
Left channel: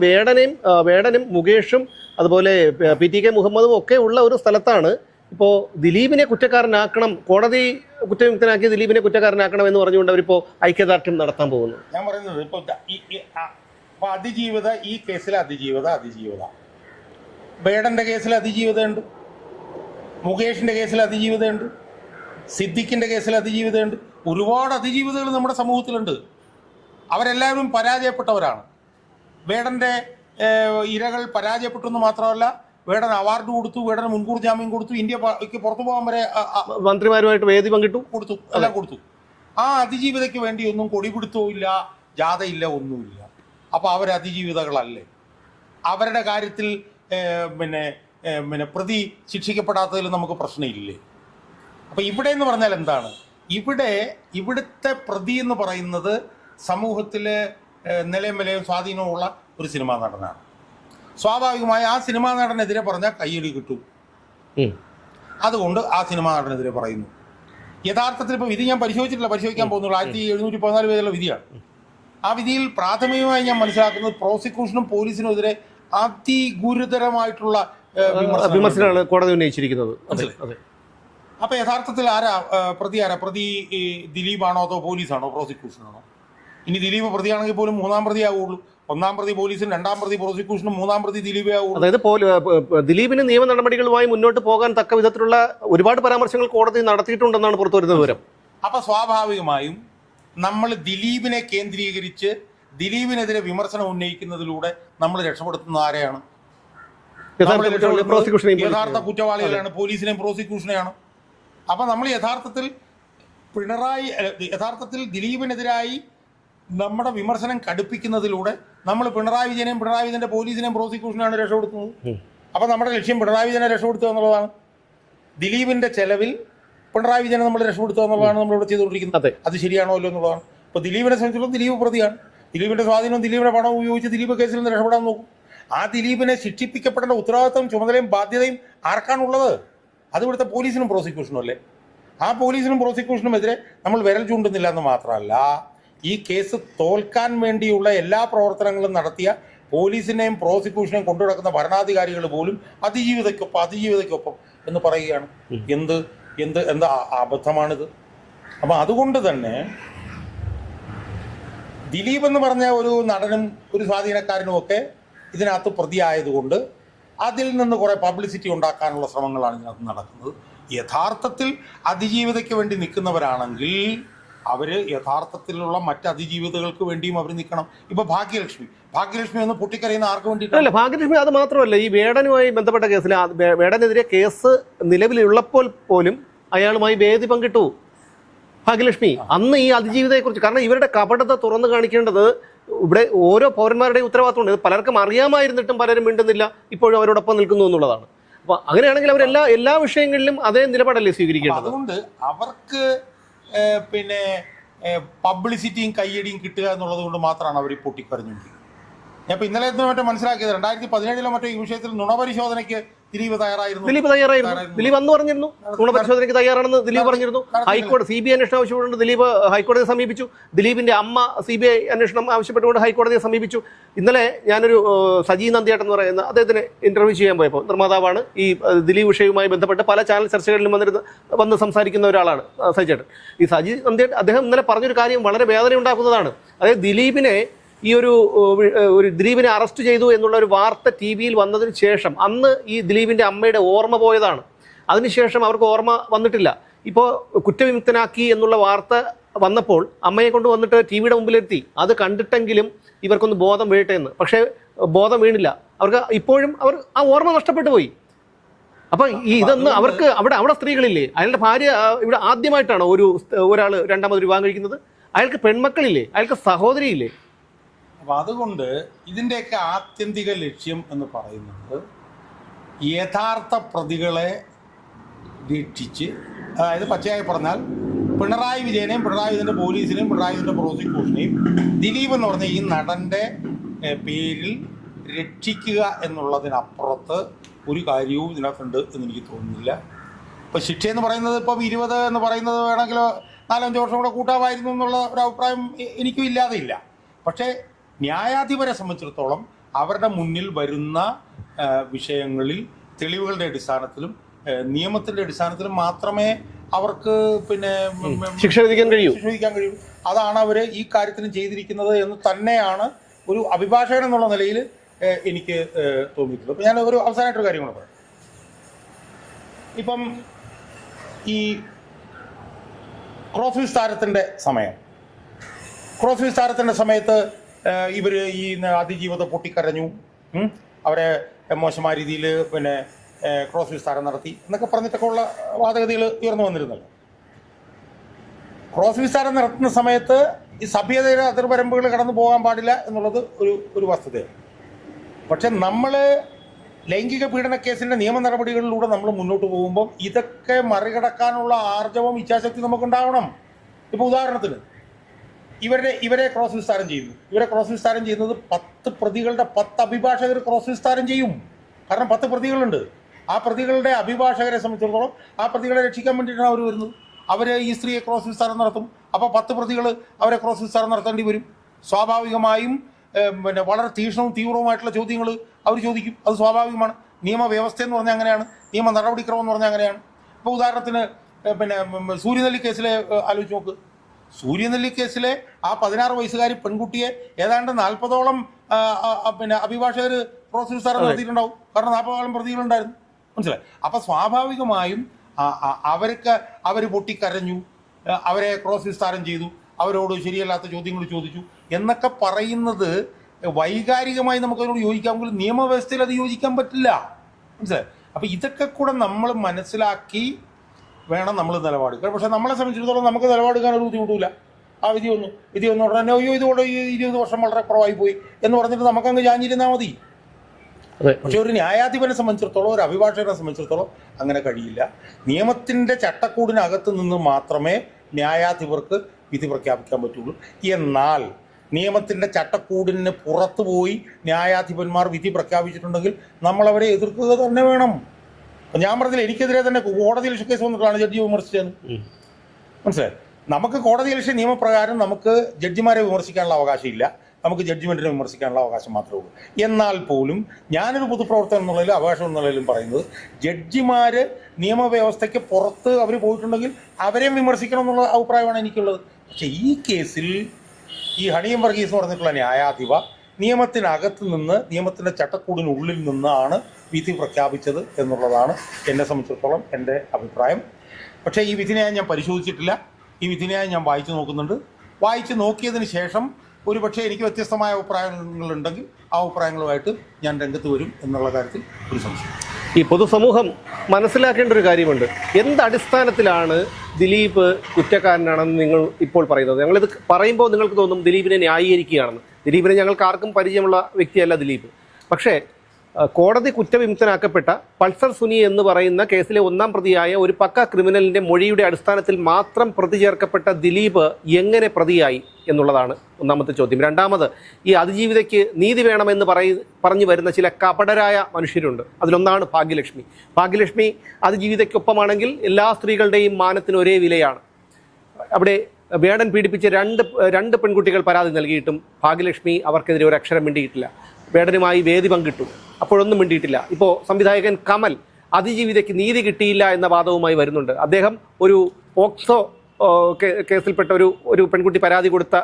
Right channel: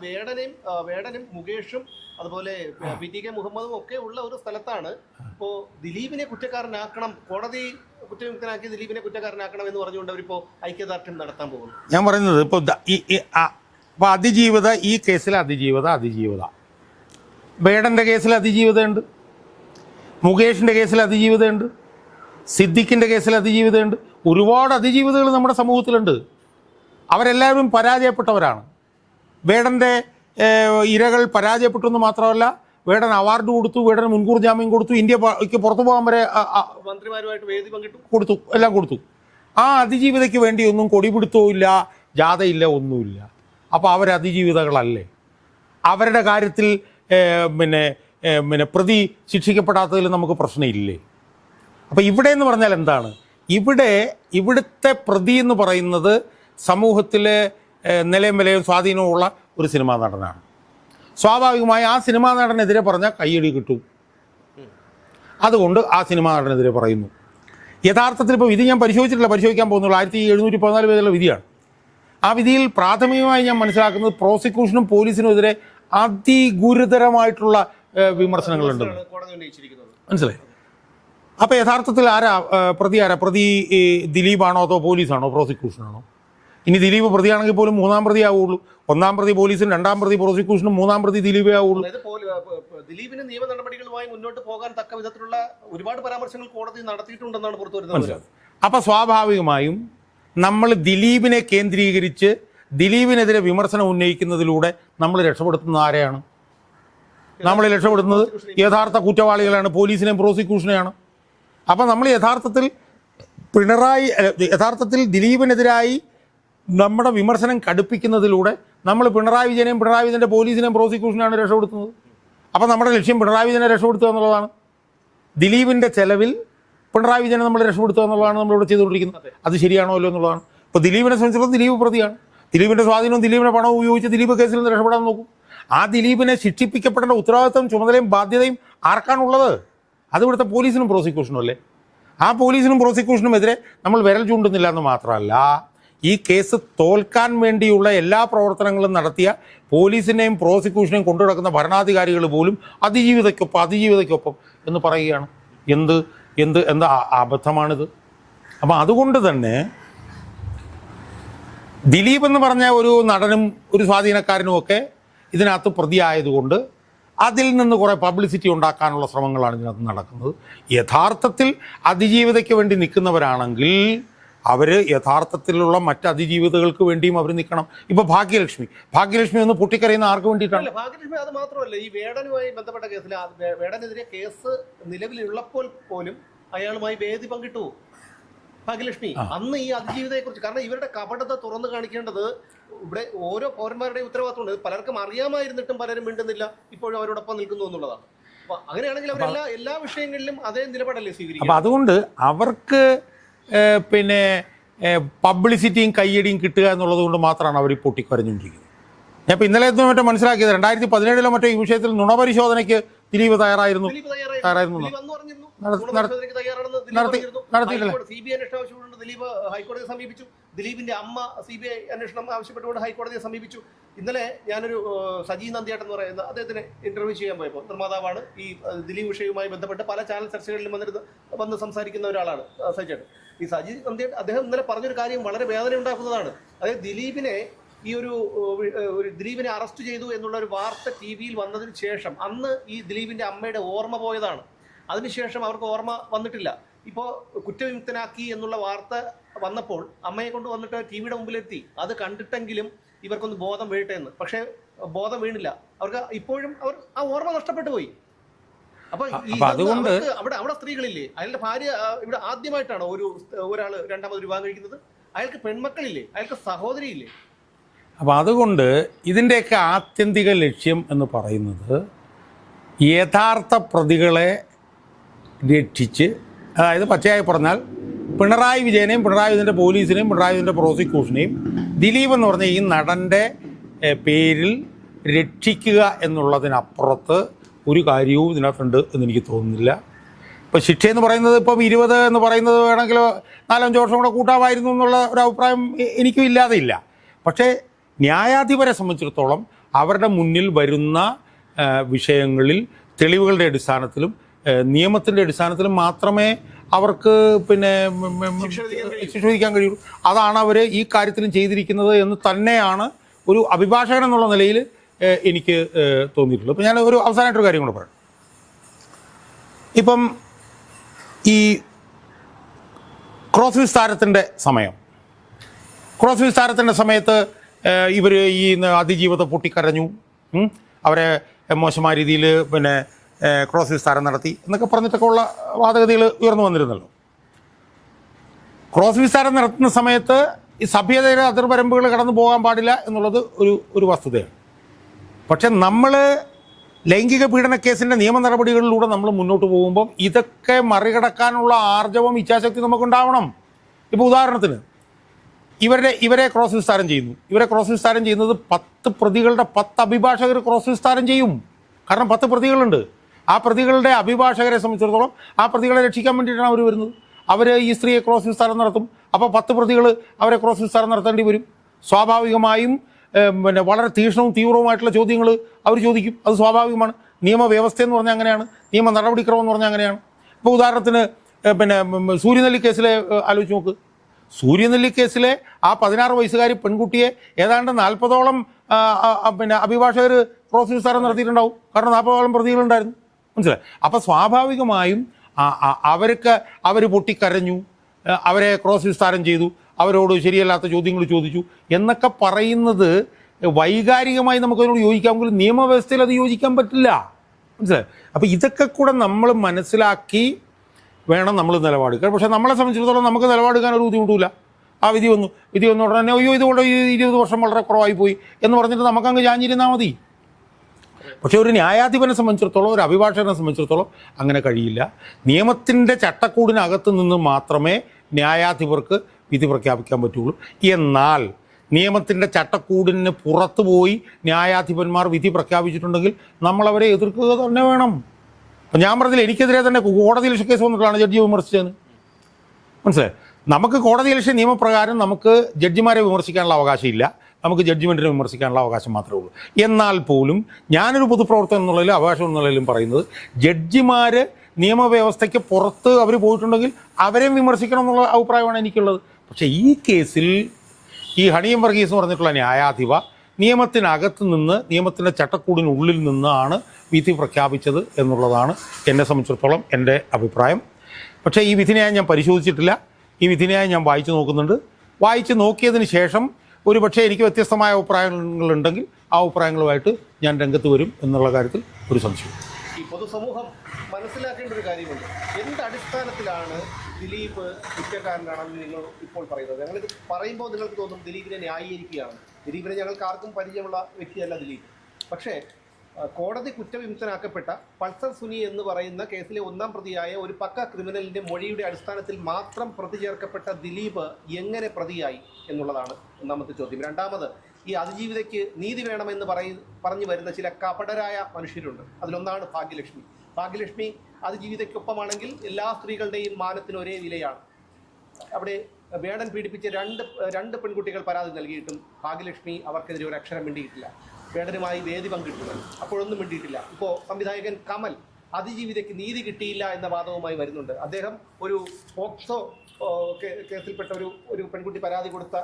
വേടനും മുകേഷും അതുപോലെ PTK മുഹമ്മദും ഒക്കെ ഉള്ള ഒരു സ്ഥലത്താണ് ഇപ്പോൾ ദിലീപിനെ കുറ്റക്കാരനാക്കണം, കോടതി കുറ്റവിമുക്തനാക്കി ദിലീപിനെ കുറ്റക്കാരനാക്കണം എന്ന് പറഞ്ഞുകൊണ്ട് അവരിപ്പോൾ ഐക്യദാർഢ്യം നടത്താൻ പോകുന്നു. ഞാൻ പറയുന്നത് ഇപ്പോൾ അതിജീവത, ഈ കേസിൽ അതിജീവത വേടൻ്റെ കേസിൽ അതിജീവിതയുണ്ട്, മുകേഷിൻ്റെ കേസിൽ അതിജീവിതയുണ്ട്, സിദ്ദിഖിൻ്റെ കേസിൽ അതിജീവിതയുണ്ട്. ഒരുപാട് അതിജീവിതകൾ നമ്മുടെ സമൂഹത്തിലുണ്ട്. അവരെല്ലാവരും പരാജയപ്പെട്ടവരാണ്. വേടൻ്റെ ഇരകൾ പരാജയപ്പെട്ടു എന്ന് മാത്രമല്ല, വേടൻ അവാർഡ് കൊടുത്തു, വേടന് മുൻകൂർ ജാമ്യം കൊടുത്തു, ഇന്ത്യക്ക് പുറത്തു പോകാൻ വരെ മന്ത്രിമാരുമായിട്ട് വേദി കൊടുത്തു, എല്ലാം കൊടുത്തു. ആ അതിജീവിതയ്ക്ക് വേണ്ടി ഒന്നും കൊടിപിടുത്തവും ഇല്ല, ജാഥയില്ല, ഒന്നുമില്ല. അപ്പോൾ അവർ അതിജീവിതകളല്ലേ? അവരുടെ കാര്യത്തിൽ പ്രതി ശിക്ഷിക്കപ്പെടാത്തതിൽ നമുക്ക് പ്രശ്നമില്ലേ? അപ്പോൾ ഇവിടെ എന്ന് പറഞ്ഞാൽ എന്താണ്? ഇവിടുത്തെ പ്രതി എന്ന് പറയുന്നത് സമൂഹത്തിലെ നിലയും വിലയും സ്വാധീനമുള്ള ഒരു സിനിമാ നടനാണ്. സ്വാഭാവികമായി ആ സിനിമാ നടനെതിരെ പറഞ്ഞാൽ കയ്യടി കിട്ടും. അതുകൊണ്ട് ആ സിനിമാ നടനെതിരെ പറയുന്നു. യഥാർത്ഥത്തിൽ ഇപ്പോൾ വിധി ഞാൻ പരിശോധിക്കാൻ പോകുന്നുള്ളൂ. 1714 പേരുള്ള വിധിയാണ്. ആ വിധിയിൽ പ്രാഥമികമായി ഞാൻ മനസ്സിലാക്കുന്നത് പ്രോസിക്യൂഷനും പോലീസിനും എതിരെ അതിഗുരുതരമായിട്ടുള്ള വിമർശനങ്ങളാണ് കോടതി ഉന്നയിച്ചിരിക്കുന്നത്. മനസ്സിലായി? അപ്പോൾ യഥാർത്ഥത്തിൽ പ്രതി ദിലീപാണോ അതോ പോലീസാണോ പ്രോസിക്യൂഷനാണോ? ഇനി ദിലീപ് പ്രതിയാണെങ്കിൽ പോലും 3ാം പ്രതി ആവുള്ളൂ. 1ാം പ്രതി പോലീസും 2ാം പ്രതി പ്രോസിക്യൂഷനും 3ാം പ്രതി ദിലീപേ ആവുള്ളൂ. അതായത് ദിലീപിന് നിയമ നടപടികളുമായി മുന്നോട്ട് പോകാൻ തക്ക വിധത്തിലുള്ള ഒരുപാട് പരാമർശങ്ങൾ കോടതി നടത്തിയിട്ടുണ്ടെന്നാണ് പുറത്തുവരുന്ന വിവരം. അപ്പോൾ സ്വാഭാവികമായും നമ്മൾ ദിലീപിനെ കേന്ദ്രീകരിച്ച് ദിലീപിനെതിരെ വിമർശനം ഉന്നയിക്കുന്നതിലൂടെ നമ്മൾ രക്ഷപ്പെടുത്തുന്ന ആരെയാണ്? നമ്മൾ രക്ഷപ്പെടുത്തുന്നത് യഥാർത്ഥ കുറ്റവാളികളാണ്, പോലീസിനെയും പ്രോസിക്യൂഷനെയാണ്. അപ്പം നമ്മൾ യഥാർത്ഥത്തിൽ ദിലീപിനെതിരായി നമ്മുടെ വിമർശനം കടുപ്പിക്കുന്നതിലൂടെ നമ്മൾ പിണറായി വിജയന്റെ പോലീസിനെയും പ്രോസിക്യൂഷനാണ് രക്ഷപ്പെടുത്തുന്നത്. അപ്പം നമ്മുടെ ലക്ഷ്യം പിണറായി വിജയനെ രക്ഷപ്പെടുത്തുക എന്നുള്ളതാണ്. ദിലീപിൻ്റെ ചെലവിൽ പിണറായി വിജയനെ നമ്മൾ രക്ഷപ്പെടുത്തുക എന്നുള്ളതാണ് നമ്മളിവിടെ ചെയ്തുകൊണ്ടിരിക്കുന്നത്. അത് ശരിയാണോ ഇല്ലോ എന്നുള്ളതാണ്. ഇപ്പോൾ ദിലീപിനെ സംബന്ധിച്ചിടത്തോളം ദിലീപ് പ്രതിയാണ്. ദിലീപിൻ്റെ സ്വാധീനവും ദിലീപിൻ്റെ പണവും ഉപയോഗിച്ച് ദിലീപ് കേസിൽ നിന്ന് രക്ഷപ്പെടാൻ നോക്കും. ആ ദിലീപിനെ ശിക്ഷിപ്പിക്കപ്പെടേണ്ട ഉത്തരവാദിത്വം, ചുമതലയും ബാധ്യതയും ആർക്കാണുള്ളത്? അത് ഇവിടുത്തെ പോലീസിനും പ്രോസിക്യൂഷനും അല്ലേ? ആ പോലീസിനും പ്രോസിക്യൂഷനും എതിരെ നമ്മൾ വിരൽ ചൂണ്ടുന്നില്ല എന്ന് മാത്രമല്ല, ഈ കേസ് തോൽക്കാൻ വേണ്ടിയുള്ള എല്ലാ പ്രവർത്തനങ്ങളും നടത്തിയ പോലീസിനെയും പ്രോസിക്യൂഷനെയും കൊണ്ടു നടക്കുന്ന ഭരണാധികാരികൾ പോലും അതിജീവിതയ്ക്കൊപ്പം എന്ന് പറയുകയാണ്. എന്ത് അബദ്ധമാണിത്? അപ്പം അതുകൊണ്ട് തന്നെ ദിലീപ് എന്ന് പറഞ്ഞ ഒരു നടനും ഒരു സ്വാധീനക്കാരനും ഒക്കെ ഇതിനകത്ത് പ്രതിയായതുകൊണ്ട് അതിൽ നിന്ന് കുറേ പബ്ലിസിറ്റി ഉണ്ടാക്കാനുള്ള ശ്രമങ്ങളാണ് ഇതിനകത്ത് നടക്കുന്നത്. യഥാർത്ഥത്തിൽ അതിജീവിതയ്ക്ക് വേണ്ടി നിൽക്കുന്നവരാണെങ്കിൽ അവർ യഥാർത്ഥത്തിലുള്ള മറ്റ് അതിജീവിതകൾക്ക് വേണ്ടിയും അവർ നിൽക്കണം. ഇപ്പോൾ ഭാഗ്യലക്ഷ്മി ഒന്ന് പൊട്ടിക്കരയുന്ന ആർക്ക് വേണ്ടിയിട്ടല്ല? അല്ല, ഭാഗ്യലക്ഷ്മി അത് മാത്രമല്ല, ഈ വേടനുമായി ബന്ധപ്പെട്ട കേസിൽ വേടനെതിരെ കേസ് നിലവിലുള്ളപ്പോൾ പോലും അയാളുമായി വേദി പങ്കിട്ടു ഭാഗ്യലക്ഷ്മി. അന്ന് ഈ അതിജീവിതയെക്കുറിച്ച്, കാരണം ഇവരുടെ കപടത തുറന്നു കാണിക്കേണ്ടത് ഇവിടെ ഓരോ പൗരന്മാരുടെയും ഉത്തരവാദിത്തമുണ്ട്. പലർക്കും അറിയാമായിരുന്നിട്ടും പലരും മിണ്ടുന്നില്ല, ഇപ്പോഴും അവരോടൊപ്പം നിൽക്കുന്നു എന്നുള്ളതാണ്. അപ്പൊ അങ്ങനെയാണെങ്കിൽ എല്ലാ വിഷയങ്ങളിലും അതേ നിലപാടല്ലേ സ്വീകരിക്കുക? അതുകൊണ്ട് അവർക്ക് പിന്നെ പബ്ലിസിറ്റിയും കയ്യടിയും കിട്ടുക എന്നുള്ളത് കൊണ്ട് മാത്രമാണ് അവർ പൊട്ടിക്കരഞ്ഞുകൊണ്ടിരിക്കുന്നത്. ഞാൻ ഇപ്പോൾ ഇന്നലെ മറ്റോ മനസ്സിലാക്കിയത് 2017 മറ്റോ ഈ വിഷയത്തിൽ നുണപരിശോധനയ്ക്ക് ദിലീപ് തയ്യാറായിരുന്നു. ദിലീപ് അന്ന് പറഞ്ഞിരുന്നു നുണപരിശോധനയ്ക്ക് തയ്യാറാണെന്ന് ദിലീപ് പറഞ്ഞിരുന്നു. ഹൈക്കോടതി CBI അന്വേഷണം ആവശ്യപ്പെട്ടുകൊണ്ട് ദിലീപ് ഹൈക്കോടതിയെ സമീപിച്ചു. ദിലീപിന്റെ അമ്മ CBI അന്വേഷണം ആവശ്യപ്പെട്ടുകൊണ്ട് ഹൈക്കോടതിയെ സമീപിച്ചു. ഇന്നലെ ഞാനൊരു സജി നന്ദിയാട്ടൻ എന്ന് പറയുന്ന അദ്ദേഹത്തിന് ഇന്റർവ്യൂ ചെയ്യാൻ പോയപ്പോൾ, നിർമ്മാതാവാണ്, ഈ ദിലീപ് വിഷയവുമായി ബന്ധപ്പെട്ട് പല ചാനൽ ചർച്ചകളിലും വന്ന് സംസാരിക്കുന്ന ഒരാളാണ് സജിചേട്ടൻ. ഈ സജി നന്ദിയാട്ടൻ അദ്ദേഹം ഇന്നലെ പറഞ്ഞൊരു കാര്യം വളരെ വേദന ഉണ്ടാക്കുന്നതാണ്. അതായത് ദിലീപിനെ ദിലീപിനെ അറസ്റ്റ് ചെയ്തു എന്നുള്ള ഒരു വാർത്ത TV-യിൽ വന്നതിന് ശേഷം അന്ന് ഈ ദിലീപിന്റെ അമ്മയുടെ ഓർമ്മ പോയതാണ്. അതിനുശേഷം അവർക്ക് ഓർമ്മ വന്നിട്ടില്ല. ഇപ്പോൾ കുറ്റവിമുക്തനാക്കി എന്നുള്ള വാർത്ത വന്നപ്പോൾ അമ്മയെ കൊണ്ട് വന്നിട്ട് TV-യുടെ മുമ്പിലെത്തി. അത് കണ്ടിട്ടെങ്കിലും ഇവർക്കൊന്ന് ബോധം വീഴട്ടെ എന്ന്. പക്ഷേ ബോധം വീണില്ല. അവർക്ക് ഇപ്പോഴും ആ ഓർമ്മ നഷ്ടപ്പെട്ടു പോയി. അപ്പൊ ഇതൊന്നും അവർക്ക് അവിടെ സ്ത്രീകളില്ലേ? അയാളുടെ ഭാര്യ ഇവിടെ ആദ്യമായിട്ടാണ് ഒരാൾ രണ്ടാമത് വിവാഹം കഴിക്കുന്നത്. അയാൾക്ക് പെൺമക്കളില്ലേ? അയാൾക്ക് സഹോദരിയില്ലേ? അപ്പോൾ അതുകൊണ്ട് ഇതിൻ്റെയൊക്കെ ആത്യന്തിക ലക്ഷ്യം എന്ന് പറയുന്നത് യഥാർത്ഥ പ്രതികളെ രക്ഷിച്ച്, അതായത് പച്ചയായി പറഞ്ഞാൽ പിണറായി വിജയനെയും പിണറായി വിജയൻ്റെ പോലീസിനെയും പിണറായി വിജയൻ്റെ പ്രോസിക്യൂഷനെയും ദിലീപ് എന്ന് പറഞ്ഞ ഈ നടൻ്റെ പേരിൽ രക്ഷിക്കുക എന്നുള്ളതിനപ്പുറത്ത് ഒരു കാര്യവും ഇതിനകത്തുണ്ട് എന്നെനിക്ക് തോന്നുന്നില്ല. ഇപ്പോൾ ശിക്ഷയെന്ന് പറയുന്നത് ഇപ്പം 20 എന്ന് പറയുന്നത് വേണമെങ്കിൽ 4-5 വർഷം കൂടെ കൂട്ടാമായിരുന്നു എന്നുള്ള ഒരു അഭിപ്രായം എനിക്കും ഇല്ലാതെയില്ല. പക്ഷേ ന്യായാധിപരെ സംബന്ധിച്ചിടത്തോളം അവരുടെ മുന്നിൽ വരുന്ന വിഷയങ്ങളിൽ തെളിവുകളുടെ അടിസ്ഥാനത്തിലും നിയമത്തിൻ്റെ അടിസ്ഥാനത്തിലും മാത്രമേ അവർക്ക് പിന്നെ ശിക്ഷ വിധിക്കാൻ കഴിയൂ. അതാണ് അവർ ഈ കാര്യത്തിലും ചെയ്തിരിക്കുന്നത് എന്ന് തന്നെയാണ് ഒരു അഭിഭാഷകൻ എന്നുള്ള നിലയിൽ എനിക്ക് തോന്നിയിട്ടുള്ളത്. അപ്പോൾ ഞാൻ ഒരു അവസാനമായിട്ടൊരു കാര്യം കൂടെ പറയാം. ഇപ്പം ഈ ക്രോസ് വിസ്താരത്തിൻ്റെ സമയത്ത് ഇവർ ഈ അതിജീവിതത്തെ പൊട്ടിക്കരഞ്ഞു, അവരെ മോശമായ രീതിയിൽ പിന്നെ ക്രോസ് വിസ്താരം നടത്തി എന്നൊക്കെ പറഞ്ഞിട്ടൊക്കെ ഉള്ള വാദഗതികൾ ഉയർന്നു വന്നിരുന്നല്ലോ. ക്രോസ് വിസ്താരം നടത്തുന്ന സമയത്ത് ഈ സഭ്യതയുടെ അതിർവരമ്പുകൾ കടന്നു പോകാൻ പാടില്ല എന്നുള്ളത് ഒരു വസ്തുതയാണ്. പക്ഷെ നമ്മൾ ലൈംഗിക പീഡന കേസിൻ്റെ നിയമ നടപടികളിലൂടെ നമ്മൾ മുന്നോട്ട് പോകുമ്പം ഇതൊക്കെ മറികടക്കാനുള്ള ആർജവം ഇച്ഛാശക്തി നമുക്കുണ്ടാവണം. ഇപ്പോൾ ഉദാഹരണത്തിന് ഇവരെ ക്രോസ് വിസ്താരം ചെയ്യുന്നു. ഇവരെ ക്രോസ് വിസ്താരം ചെയ്യുന്നത് 10 പ്രതികളുടെ 10 അഭിഭാഷകർ ക്രോസ് വിസ്താരം ചെയ്യും. കാരണം 10 പ്രതികളുണ്ട്. ആ പ്രതികളുടെ അഭിഭാഷകരെ സംബന്ധിച്ചിടത്തോളം ആ പ്രതികളെ രക്ഷിക്കാൻ വേണ്ടിയിട്ടാണ് അവർ വരുന്നത്. അവർ ഈ സ്ത്രീയെ ക്രോസ് വിസ്താരം നടത്തും. അപ്പോൾ 10 പ്രതികൾ അവരെ ക്രോസ് വിസ്താരം നടത്തേണ്ടി വരും. സ്വാഭാവികമായും പിന്നെ വളരെ തീക്ഷ്ണവും തീവ്രവുമായിട്ടുള്ള ചോദ്യങ്ങൾ അവർ ചോദിക്കും. അത് സ്വാഭാവികമാണ്. നിയമവ്യവസ്ഥ എന്ന് പറഞ്ഞാൽ അങ്ങനെയാണ്, നിയമ നടപടിക്രമം എന്ന് പറഞ്ഞാൽ അങ്ങനെയാണ്. ഇപ്പോൾ ഉദാഹരണത്തിന് പിന്നെ സൂര്യനെല്ലി കേസിലെ ആലോചിച്ച് നോക്ക്. സൂര്യനെല്ലി കേസിലെ ആ 16 വയസ്സുകാരി പെൺകുട്ടിയെ ഏതാണ്ട് 40ഓളം പിന്നെ അഭിഭാഷകർ ക്രോസ് വിസ്താരം നടത്തിയിട്ടുണ്ടാവും. കാരണം 40ഓളം പ്രതികളുണ്ടായിരുന്നു. മനസ്സിലായി? അപ്പോൾ സ്വാഭാവികമായും അവർ പൊട്ടിക്കരഞ്ഞു, അവരെ ക്രോസ് വിസ്താരം ചെയ്തു, അവരോട് ശരിയല്ലാത്ത ചോദ്യങ്ങൾ ചോദിച്ചു എന്നൊക്കെ പറയുന്നത് വൈകാരികമായി നമുക്കതിനോട് യോജിക്കാമെങ്കിൽ നിയമവ്യവസ്ഥയിൽ അത് യോജിക്കാൻ പറ്റില്ല. മനസ്സിലായി? അപ്പോൾ ഇതൊക്കെ കൂടെ നമ്മൾ മനസ്സിലാക്കി വേണം നമ്മൾ നിലപാടെടുക്കാൻ. പക്ഷേ നമ്മളെ സംബന്ധിച്ചിടത്തോളം നമുക്ക് നിലപാടെടുക്കാൻ ഒരു ബുദ്ധിമുട്ടില്ല. ആ വിധി വന്നു ഉടനെ ഇതുകൊണ്ട് 20 വർഷം വളരെ കുറവായി പോയി എന്ന് പറഞ്ഞിട്ട് നമുക്കങ്ങ് ചാഞ്ഞിരുന്നാൽ മതി. പക്ഷെ ഒരു ന്യായാധിപനെ സംബന്ധിച്ചിടത്തോളം, ഒരു അഭിഭാഷകനെ സംബന്ധിച്ചിടത്തോളം അങ്ങനെ കഴിയില്ല. നിയമത്തിൻ്റെ ചട്ടക്കൂടിനകത്ത് നിന്ന് മാത്രമേ ന്യായാധിപർക്ക് വിധി പ്രഖ്യാപിക്കാൻ പറ്റുള്ളൂ. എന്നാൽ നിയമത്തിൻ്റെ ചട്ടക്കൂടിന് പുറത്തു പോയി ന്യായാധിപന്മാർ വിധി പ്രഖ്യാപിച്ചിട്ടുണ്ടെങ്കിൽ നമ്മളവരെ എതിർക്കുക തന്നെ വേണം. അപ്പം ഞാൻ പറഞ്ഞില്ല, എനിക്കെതിരെ തന്നെ കോടതി ഇലക്ഷൻ കേസ് വന്നിട്ടാണ് ജഡ്ജിയെ വിമർശിച്ചത്. മനസ്സിലായി? നമുക്ക് കോടതി ഇലക്ഷൻ നിയമപ്രകാരം നമുക്ക് ജഡ്ജിമാരെ വിമർശിക്കാനുള്ള അവകാശമില്ല, നമുക്ക് ജഡ്ജിമെൻറ്റിനെ വിമർശിക്കാനുള്ള അവകാശം മാത്രമേ ഉള്ളൂ. എന്നാൽ പോലും ഞാനൊരു പൊതുപ്രവർത്തനം എന്നുള്ളതിലും അവകാശം എന്നുള്ളതിലും പറയുന്നത് ജഡ്ജിമാർ നിയമവ്യവസ്ഥയ്ക്ക് പുറത്ത് അവർ പോയിട്ടുണ്ടെങ്കിൽ അവരെയും വിമർശിക്കണം എന്നുള്ള അഭിപ്രായമാണ് എനിക്കുള്ളത്. പക്ഷേ ഈ കേസിൽ ഈ ഹണിയം വർഗീസ് എന്ന് പറഞ്ഞിട്ടുള്ള ന്യായാധിപ നിയമത്തിനകത്ത് നിന്ന്, നിയമത്തിൻ്റെ ചട്ടക്കൂടിനുള്ളിൽ നിന്നാണ് വിധി പ്രഖ്യാപിച്ചത് എന്നുള്ളതാണ് എന്നെ സംബന്ധിച്ചിടത്തോളം എൻ്റെ അഭിപ്രായം. പക്ഷേ ഈ വിധിനെ ഞാൻ പരിശോധിച്ചിട്ടില്ല. ഈ വിധിന്യായം ഞാൻ വായിച്ചു നോക്കുന്നുണ്ട്. വായിച്ച് നോക്കിയതിന് ശേഷം ഒരു പക്ഷേ എനിക്ക് വ്യത്യസ്തമായ അഭിപ്രായങ്ങളുണ്ടെങ്കിൽ ആ അഭിപ്രായങ്ങളുമായിട്ട് ഞാൻ രംഗത്ത് വരും എന്നുള്ള കാര്യത്തിൽ ഒരു സംശയം. ഈ പൊതുസമൂഹം മനസ്സിലാക്കേണ്ട ഒരു കാര്യമുണ്ട്. എന്ത് അടിസ്ഥാനത്തിലാണ് ദിലീപ് കുറ്റക്കാരനാണെന്ന് നിങ്ങൾ ഇപ്പോൾ പറയുന്നത്? ഞങ്ങളിത് പറയുമ്പോൾ നിങ്ങൾക്ക് തോന്നും ദിലീപിനെ ന്യായീകരിക്കുകയാണെന്ന്. ദിലീപിനെ ഞങ്ങൾക്ക് ആർക്കും പരിചയമുള്ള വ്യക്തിയല്ല ദിലീപ്. പക്ഷേ കോടതി കുറ്റവിമുക്തനാക്കപ്പെട്ട പൾസർ സുനി എന്ന് പറയുന്ന കേസിലെ ഒന്നാം പ്രതിയായ ഒരു പക്ക ക്രിമിനലിൻ്റെ മൊഴിയുടെ അടിസ്ഥാനത്തിൽ മാത്രം പ്രതി ചേർക്കപ്പെട്ട ദിലീപ് എങ്ങനെ പ്രതിയായി എന്നുള്ളതാണ് ഒന്നാമത്തെ ചോദ്യം. രണ്ടാമത്, ഈ അതിജീവിതയ്ക്ക് നീതി വേണമെന്ന് പറഞ്ഞു വരുന്ന ചില കപടരായ മനുഷ്യരുണ്ട്. അതിലൊന്നാണ് ഭാഗ്യലക്ഷ്മി. ഭാഗ്യലക്ഷ്മി അതിജീവിതയ്ക്കൊപ്പമാണെങ്കിൽ എല്ലാ സ്ത്രീകളുടെയും മാനത്തിന് ഒരേ വിലയാണ്. അവിടെ വേടൻ പീഡിപ്പിച്ച രണ്ട് പെൺകുട്ടികൾ പരാതി നൽകിയിട്ടും ഭാഗ്യലക്ഷ്മി അവർക്കെതിരെ ഒരു അക്ഷരം മിണ്ടിയിട്ടില്ല. വേടനുമായി വേദി പങ്കിട്ടു, അപ്പോഴൊന്നും മിണ്ടിയിട്ടില്ല. ഇപ്പോൾ സംവിധായകൻ കമൽ അതിജീവിതയ്ക്ക് നീതി കിട്ടിയില്ല എന്ന വാദവുമായി വരുന്നുണ്ട്. അദ്ദേഹം ഒരു പോക്സോ കേസിൽപ്പെട്ട ഒരു പെൺകുട്ടി പരാതി കൊടുത്ത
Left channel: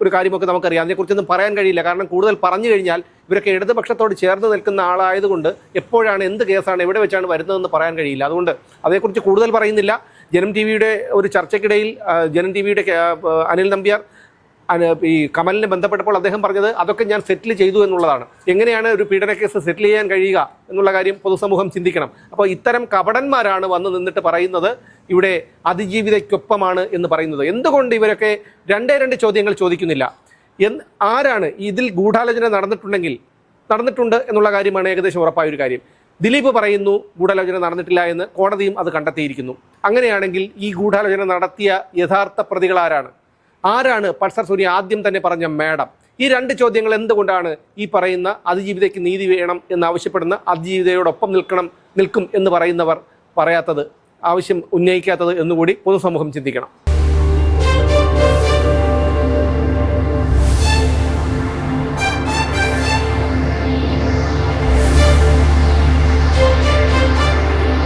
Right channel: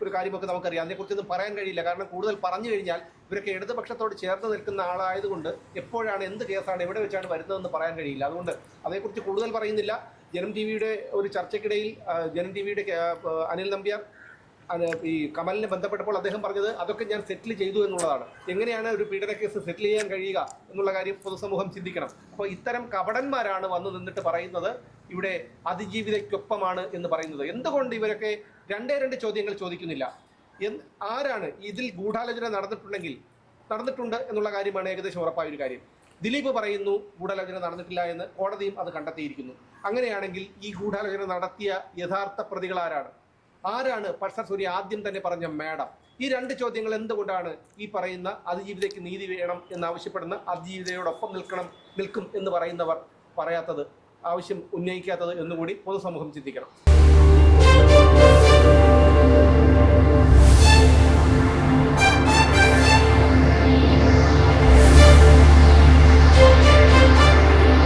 ഒരു കാര്യമൊക്കെ നമുക്കറിയാം. അതിനെക്കുറിച്ചൊന്നും പറയാൻ കഴിയില്ല. കാരണം കൂടുതൽ പറഞ്ഞു കഴിഞ്ഞാൽ ഇവരൊക്കെ ഇടതുപക്ഷത്തോട് ചേർന്ന് നിൽക്കുന്ന ആളായതുകൊണ്ട് എപ്പോഴാണ് എന്ത് കേസാണ് എവിടെ വെച്ചാണ് വരുന്നതെന്ന് പറയാൻ കഴിയില്ല. അതുകൊണ്ട് അതേക്കുറിച്ച് കൂടുതൽ പറയുന്നില്ല. ജനം ടി വിയുടെ ഒരു ചർച്ചയ്ക്കിടയിൽ ജനം ടി വിയുടെ അനിൽ നമ്പ്യാർ ഈ കമലിനെ ബന്ധപ്പെട്ടപ്പോൾ അദ്ദേഹം പറഞ്ഞത് അതൊക്കെ ഞാൻ സെറ്റിൽ ചെയ്തു എന്നുള്ളതാണ്. എങ്ങനെയാണ് ഒരു പീഡന കേസ് സെറ്റിൽ ചെയ്യാൻ കഴിയുക എന്നുള്ള കാര്യം പൊതുസമൂഹം ചിന്തിക്കണം. അപ്പോൾ ഇത്തരം കപടന്മാരാണ് വന്ന് നിന്നിട്ട് പറയുന്നത് ഇവിടെ അതിജീവിതയ്ക്കൊപ്പമാണ് എന്ന് പറയുന്നത്. എന്തുകൊണ്ട് ഇവരൊക്കെ രണ്ട് ചോദ്യങ്ങൾ ചോദിക്കുന്നില്ല? ആരാണ് ഇതിൽ ഗൂഢാലോചന നടന്നിട്ടുണ്ട് എന്നുള്ള കാര്യമാണ് ഏകദേശം ഉറപ്പായ ഒരു കാര്യം. ദിലീപ് പറയുന്നു ഗൂഢാലോചന നടന്നിട്ടില്ല എന്ന്, കോടതിയും അത് കണ്ടെത്തിയിരിക്കുന്നു. അങ്ങനെയാണെങ്കിൽ ഈ ഗൂഢാലോചന നടത്തിയ യഥാർത്ഥ പ്രതികളാരാണ്? ആരാണ് പൾസർ സുനി ആദ്യം തന്നെ പറഞ്ഞ മാഡം? ഈ രണ്ട് ചോദ്യങ്ങൾ എന്തുകൊണ്ടാണ് ഈ പറയുന്ന അതിജീവിതയ്ക്ക് നീതി വേണം എന്നാവശ്യപ്പെടുന്ന അതിജീവിതയോടൊപ്പം നിൽക്കും എന്ന് പറയുന്നവർ പറയാത്തത്, ആവശ്യം ഉന്നയിക്കാത്തത് എന്നുകൂടി പൊതുസമൂഹം ചിന്തിക്കണം.